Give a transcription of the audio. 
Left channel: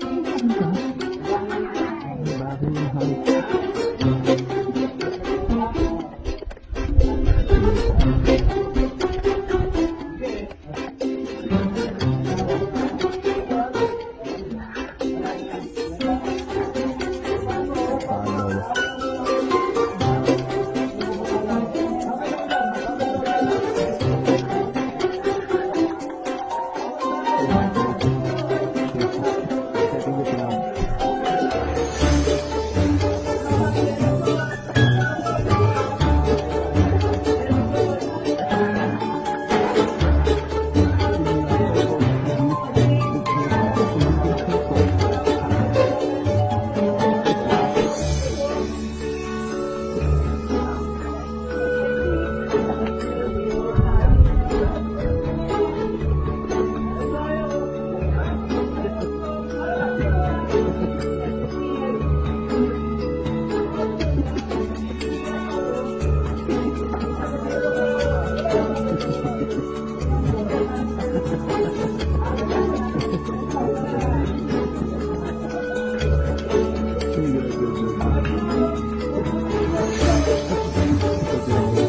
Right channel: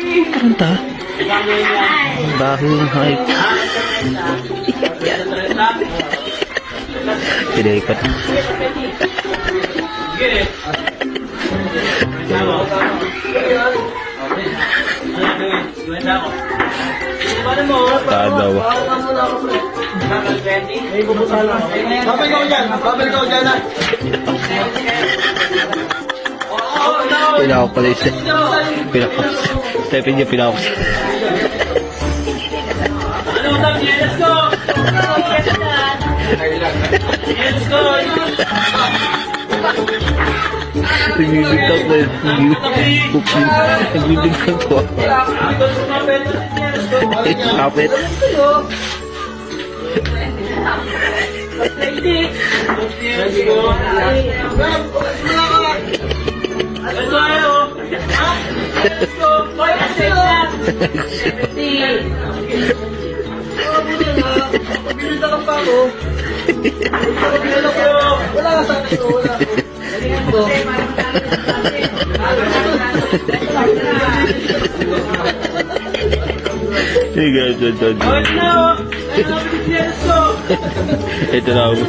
Kanta? Baho yung hype. Pinaikat. Tadaw. Babay ko dyan. Babay ko dyan. Pinako pala isa. Pinako. Stepin niya pinako. Nagbibigtang ko. Nagbibigtang ko. Kapit. Ito na ako.